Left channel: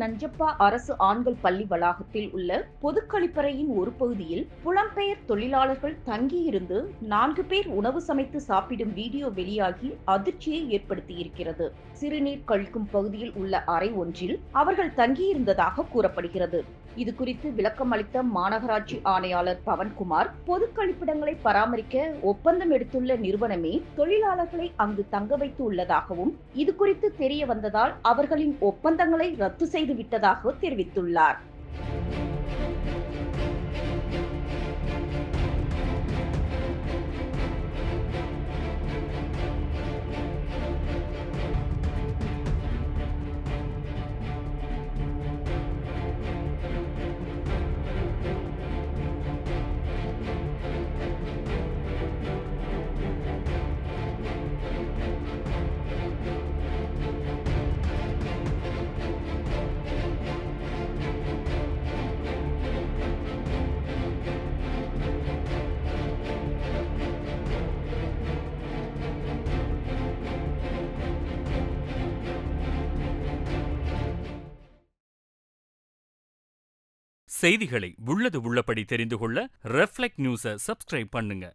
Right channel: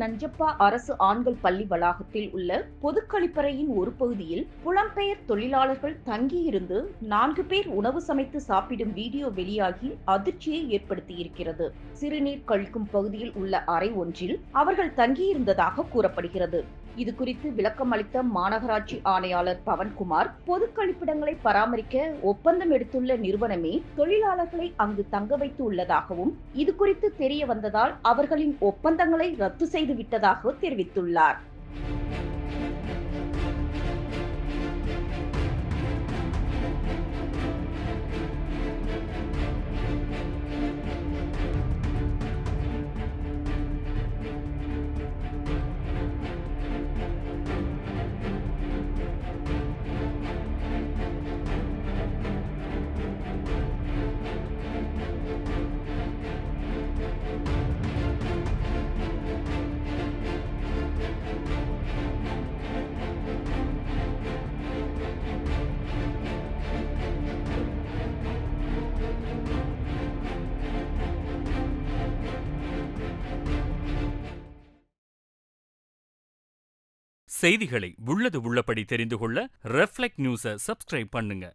நஞ்சப்பா அரசு ஆண்கள் பள்ளி வளாகத்தில் உள்ள பொது கழிப்பறையின் ஒரு பகுதியில் புலம்பெயர் தொழிலாளர்கள் தங்கியிருந்து 4 பேர் உணவு சமைத்து சாப்பிடும் வீடியோ வெளியாகி அதிர்ச்சியை ஏற்படுத்தியிருக்கிறது. சிறுநீர் கழிக்கும் பகுதியில் உள்ள அறை ஒன்றில் அவர்கள் தங்கியிருந்ததாக கூறப்படுகிறது. இது குறித்து விளக்கம் அளித்த மாநகராட்சி ஆணையாளர் பவன்குமார், பொது கழிப்பிடங்களை பராமரிக்க ஒப்பந்தம் எடுத்துள்ள நிறுவனமே தொழிலாளர்களை அங்கு தங்க வைத்து உள்ளதாகவும், இது குறித்து தெரிய வந்ததால் அவர்களின் ஒப்பந்தங்களை ரத்து செய்து விட்டதாக தெரிவித்துள்ளார். செய்திகளை உள்ளது உள்ளபடி தெரிந்து கொள்ள ரெஃப்ளெக்ட் நியூஸை சப்ஸ்கிரைப் பண்ணுங்க.